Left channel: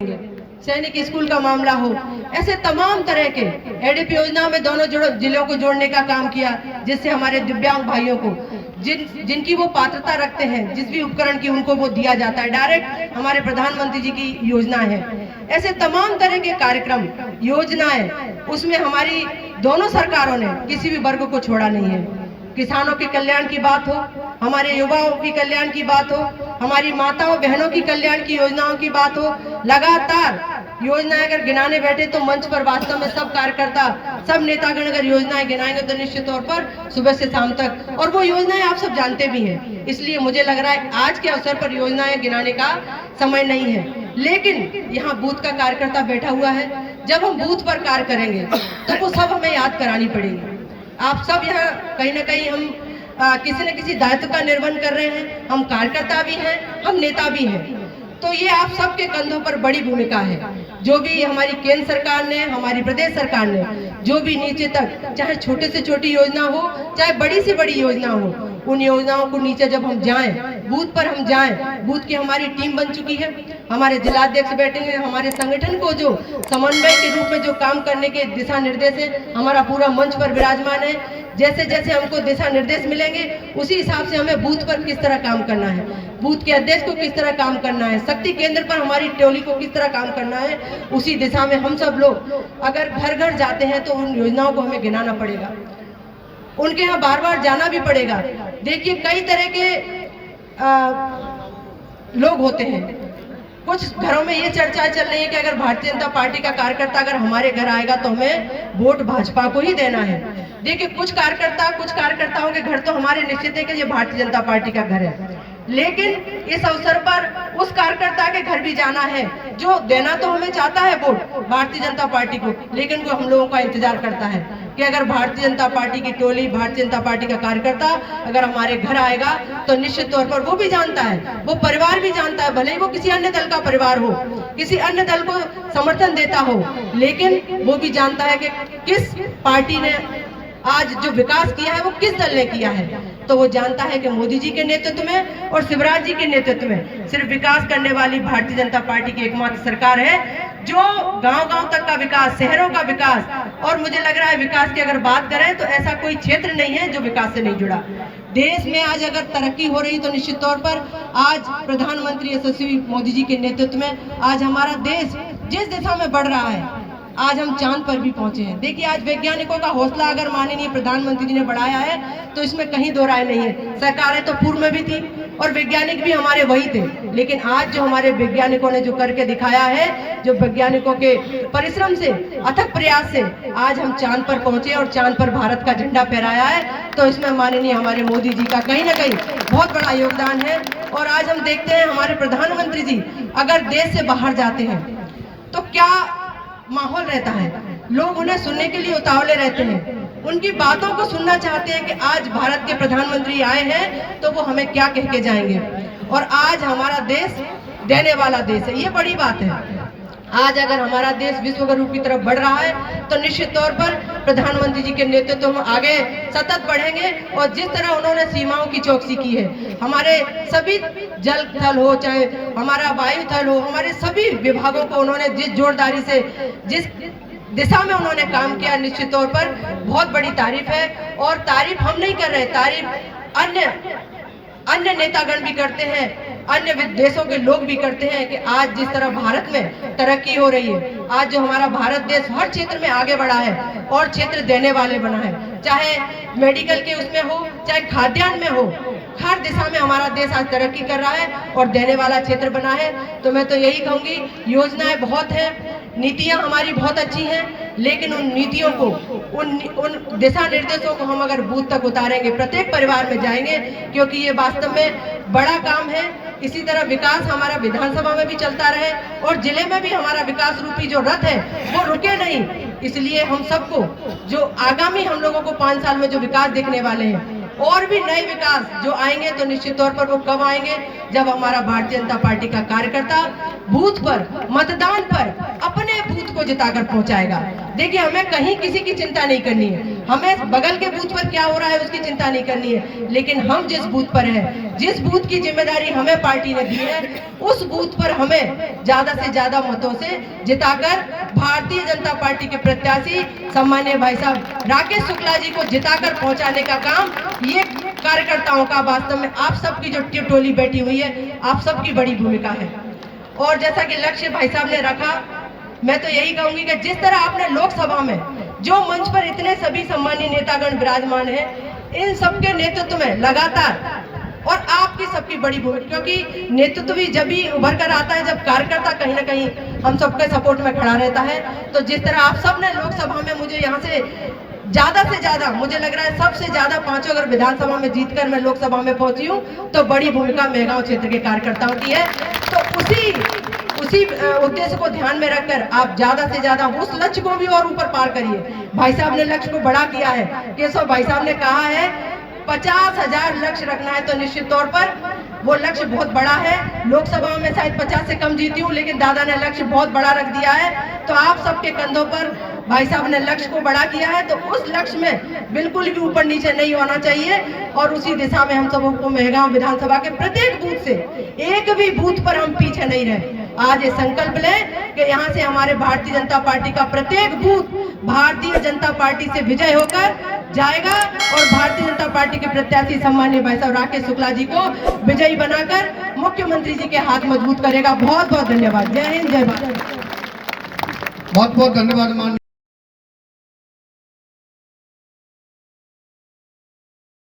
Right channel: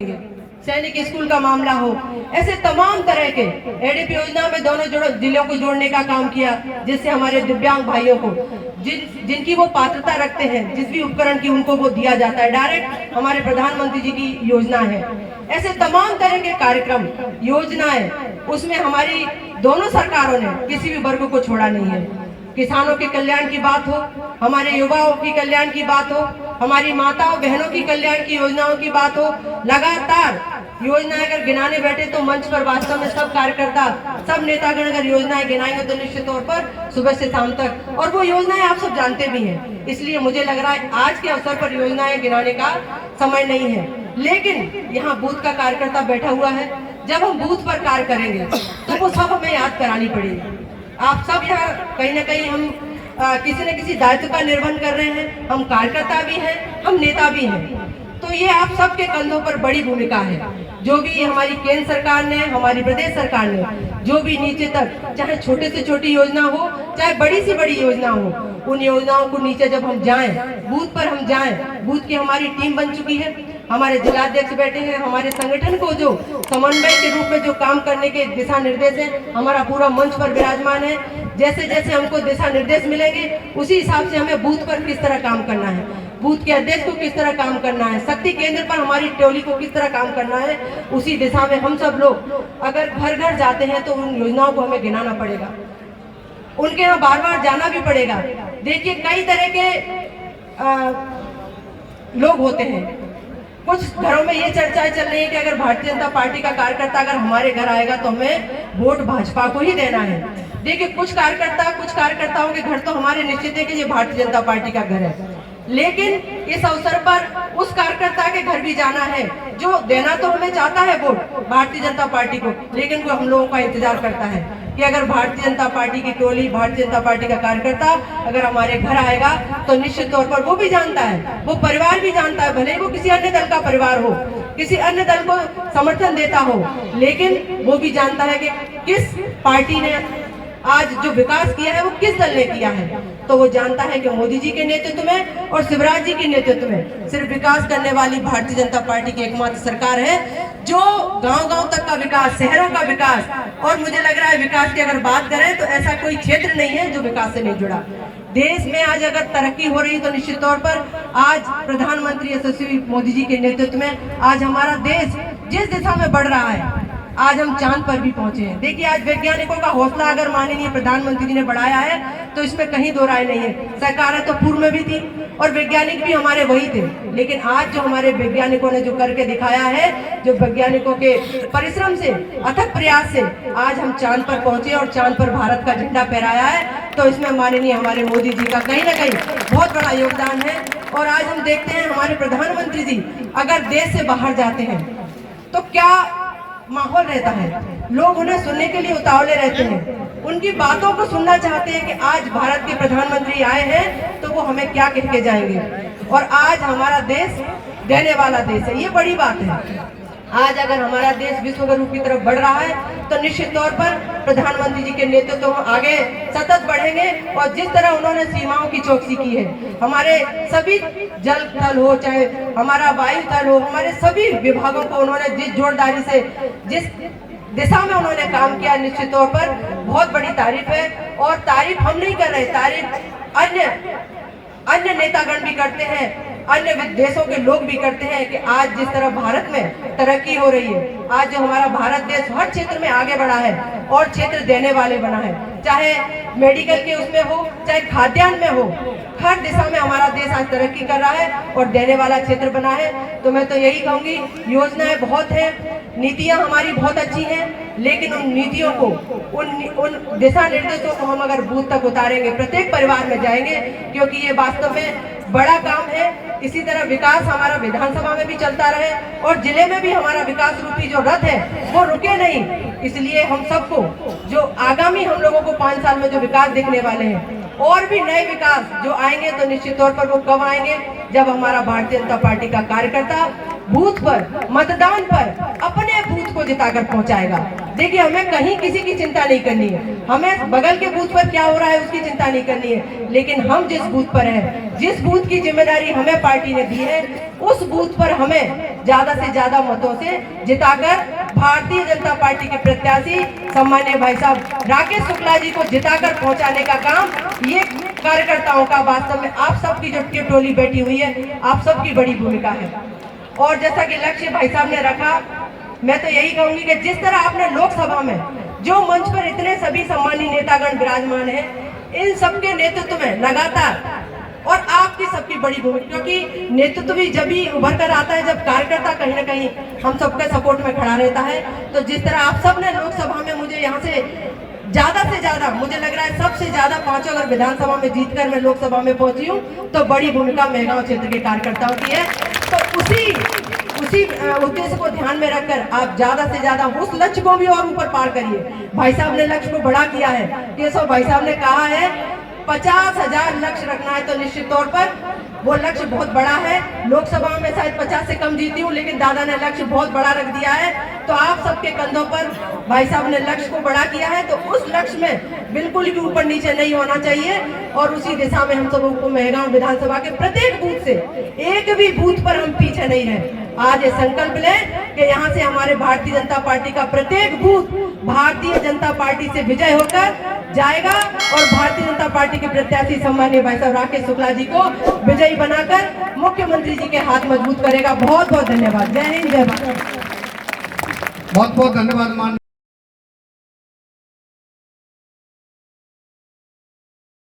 सैनिक स्कूल का मामला हो, ऐसे तमाम तरह के एडीपी योजना में दोनों जिलों को जोड़ने का काम किया, जिससे हमारे दिव्यांग भाइयों को जिनकी वो पात्रता रखते हैं, जिस भी उपकरण की उनको वो दिया जाता है, डायरेक्ट हमारे प्रधानमंत्री जी की योजना है। ऐसे तमाम तरह के कार्यक्रम योजनाएं, उसमें हमारी दोनों सरकारों ने किसी भी वर्ग को छोड़ा नहीं है। किसानों के कल्याण की बात हो, हमारे युवाओं की कल्याण की बात हो, हमारी माताओं बहनों की कल्याण की योजनाओं की बात हो, लगातार योजनाएं अगर गिनाने बैठे तो मंच पर वास्तव में सब कार्यकर्ता, सब नेतागण अगर योजनाएं गिनाएंगे तो निश्चित तौर पर सुबह से शाम तक, और वो योजनाएं आप सब जानते भी हैं। इसलिए मुझे लग रहा है आज के अवसर पर योजनाएं गिनाने का समय नहीं है। लेकिन यहाँ बूथ का कार्यकर्ता बैठा हुआ है, जब हम बूथ पर कार्य करेंगे तो वो सब हमें याद करानी पड़ेगी। आप सब यहाँ कहीं ना कहीं हम किसी न किसी दायित्व का निर्वहन कर रहे हैं, हम कार्यकर्ता भी हैं, हम नेता भी हैं, तो ये आप सबके कंधों पर बड़ी भूमिका है। जो भी हमारी केंद्र सरकार ने, हमारी प्रदेश सरकार ने, जो भी नीचे तक, चाहे छोटे से छोटी योजना हो, चाहे बड़ी से बड़ी योजना हो, उन योजनाओं को नीचे जब हम जाएं, बूथ पर हम जाएं, बूथ की हमारी टीम बन चुकी है, हमारे जिलाध्यक्ष बैठे हैं, हमारे संगठन को जो समन्वय के रूप में जो काम करने के दिशा निर्देश है, हमारा पूरा मंच पर विराजमान है। जैसे जैसे हमको दिशा निर्देश मिलेंगे उसी हिसाब से हमें बूथ पर किस तरह काम करना है, बूथ के अध्यक्ष को किस तरह काम करना है, शक्ति केंद्र पर हमारी टोली को किस तरह काम करना है, उसी दिशा में हम सब लोग अगर घर घर जाते हैं तो उन योजनाओं को हमें गिनाना पड़ेगा, उनके यहाँ बार बार जाना भी पड़ेगा। देखिए कई तरह के लोग होते हैं, कुछ घरों में ये चर्चाएं चल रही है कि अगर भारतीय जनता पार्टी का कार्यकर्ता अगर हमारे घर आएगा तो हमें वोट भाजपा को ही देना है। देखिए कुछ कार्यकर्ताओं के घर तो हमारे निश्चित है कि ये भारतीय जनता पार्टी का घर है, लेकिन इस अवसर पर उस कार्यकर्ता के घर भी जाना है जो देना तो हमें चाहता है वोट भारतीय जनता पार्टी को, लेकिन वो हम लोगों का इंतजार करता है कि अगर भारतीय जनता पार्टी की टोली, भारतीय जनता पार्टी का कार्यकर्ता अगर हमारे घर आएगा तो निश्चित तौर पर वो भी जानता है, वो परिवार भी जानता है, भले ही वो किसी अन्य दल का परिवार हो, किसी अन्य दल को समर्थन देता हो, लेकिन वो भी जानता है कि किस पार्टी ने आज जो विकास किया है वो किस दल ने किया है। तो वो जानता है कि मोदी जी के नेतृत्व में और शिवराज जी के नेतृत्व में सिर्फ विकास करने वाली भारतीय जनता पार्टी की एकमात्र सरकार है, जो गांव-गांव तक का विकास, शहरों का विकास, और मुझे लग रहा है विकास की अगर बात करें तो ऐसा कोई क्षेत्र नहीं है जो विकास से नहीं जुड़ा। देश में आज अगर तरक्की हो रही तो निश्चित तौर पर आज प्रधानमंत्री यशस्वी मोदी जी के नेतृत्व में आज हमारा देश जिस दिशा में बढ़ रहा है, आज हम चांद पर भी पहुंचे हैं। देखिए आज वैज्ञानिकों का हौसला अगर माननीय प्रधानमंत्री जी ने बढ़ाया है तो इसमें कहीं दो राय नहीं है। सरकारें तो पूर्व में भी थी और वैज्ञानिक भी हमारे वही थे, लेकिन आज जो हमारे वैज्ञानिकों ने जो करके दिखाया है, जो वैज्ञानिकों के परिश्रम से, अथक प्रयास से आज हम चांद पर पहुंचे और चांद पर भारत का झंडा फहराया है, तो इसमें माननीय हमारे मोदी जी का कहीं ना कहीं बहुत बड़ा योगदान है। और आज हम देखते हैं हमारे प्रधानमंत्री जी अगर देश से बाहर जाते हैं तो क्या माहौल रहता है, लोग उन्हें सुनने के लिए उतावले रहते हैं, उनकी बातों को सुनना चाहते हैं कि आज भारत के प्रधानमंत्री आए हैं तो वो हमें क्या कह के जाएंगे। और आज हमारा देश देने वाला देश है, ये बड़ी बात है। आज अगर हमारा देश विश्व गुरु की तरफ बढ़ रहा है तो निश्चित तौर पर प्रधानमंत्री जी के नेतृत्व में आगे सतत बढ़ेंगे। और जिस तरह उन्होंने सीमाओं की चौकसी की है, हमारे सभी जल थल हो, चाहे हमारा वायु थल हो, हमारे सभी विभागों को उन्होंने जिस जोरदारी से, जिस दिशा में उन्होंने काम किया, निश्चित तौर पर बहुत बड़ी तारीफ है। और तारीफ हम नहीं कर रहे, तारीफ अन्य नेतागण भी करते हैं, अन्य देशों के लोग भी करते हैं कि आज जिस तरह भारत में तरक्की हो रही है, आज जो हमारा भारत देश हर क्षेत्र में आगे बढ़ा है और क्षेत्र देने वाले बना है, चाहे मेडिकल के उसमें हो, चाहे खाद्यान्न में हो, हर दिशा में हमारा देश आज तरक्की कर रहा है और देने वाला क्षेत्र बना है। तो मैं तो यही कहूंगी, योजनाएं बहुत हैं, नीतियां हमारी बहुत अच्छी हैं, लेकिन उन नीतियों को, उन दिशा निर्देशों को हम अगर बूथ तक उतारेंगे, प्रत्येक परिवार में जाएंगे, क्योंकि ये वास्तव में बड़ा काम है। इसी तरह विकास हमारा विधानसभा में भी चलता रहे और जिले में भी हमारा विकास रूपी जो रथ है वो रुके नहीं। इसलिए हम सबको जो आगामी हम लोगों को 5 साल में जो विकास दिखने वाले हैं, और भी नए विकास जो आएंगे, तो निश्चित तौर पर वो कब आएंगे, जब हमारा भारतीय जनता पार्टी का कार्यकर्ता बूथ पर, मतदान पर अपने बूथ को जिताकर पहुंचाएगा। देखिए, हमें कहीं किसी की चिंता नहीं करनी है, हमें बगल के बूथ पर क्या हो रहा है उसकी चिंता नहीं करनी है, लेकिन हम जिस बूथ पर हैं, जिस बूथ की जिम्मेदारी हमें पार्टी ने दी है, उस बूथ पर हमें ज्यादा से ज्यादा मतों से जिताकर भारतीय जनता पार्टी के प्रत्याशी सम्मानीय भाई साहब राकेश शुक्ला जी को जिताकर पहुंचाने का काम ये कार्यकर्ताओं का, वास्तव में आप सबकी जो टोली बैठी हुई है, आप सबकी बड़ी भूमिका है। और जैसा कि लक्ष्य भाई साहब ने रखा, मैं तो यही कहूंगी कि जिस तरह आपने लोकसभा में जो मंच पर इतने सभी सम्मानीय नेतागण विराजमान हैं, इन सबके नेतृत्व में लगातार, और आपकी सबकी बड़ी भूमिका, क्योंकि नेतृत्व भी जब भी उभर कर आता है जब कार्यकर्ता कहीं ना कहीं हम सबके सपोर्ट में खड़ा रहता है। तो जिस तरह आप सब ने लोकसभा में मुझे यहाँ से ज्यादा मुझे लग रहा है सबसे ज्यादा 5 अगर विधानसभा में जीतकर मैं लोकसभा में पहुंची हूँ, तो बड़ी भूमिका मेहगांव क्षेत्र के कार्यकर्ताओं की है। तो उसी उद्देश्य को ध्यान में रखकर आप ज्यादा से ज्यादा उस लक्ष्य को भी और ऊपर पार करिए। भाई साहब ने लक्ष्य को बड़ा किया है, केशव भाई साहब ने कहा है 50,000 लक्ष्य रखना है, तो निश्चित तौर पर वो लक्ष्य बहुत बड़ा है। लोकसभा में शायद 50 से कम जीती हूँ, लेकिन दादा ने लक्ष्य बहुत बड़ा रख दिया है। तो आप सबके कंधों पर भाई साहब ने लक्ष्य को बड़ा किया है, तो उस लक्ष्य में बिल्कुल भी ऊपर नीचे नहीं होना चाहिए, और उसी दिशा में हम सबों को मेहगांव विधानसभा के प्रत्येक बूथ से, एक भी बूथ पर हम पीछे नहीं रहे। आज ये संकल्प लें कि यहाँ से हमारे भारतीय जनता पार्टी का प्रत्येक बूथ भारतीय जनता पार्टी से विजय होकर जाएगा, और भारतीय जनता पार्टी के प्रत्याशी सम्मानीय भाई साहब राकेश शुक्ला जी को विजयी बनाकर मुख्यमंत्री जी के हाथ मजबूत करेगा। बहुत बहुत धन्यवाद। जय हिंद, जय भारत। बहुत बहुत धन्यवाद मान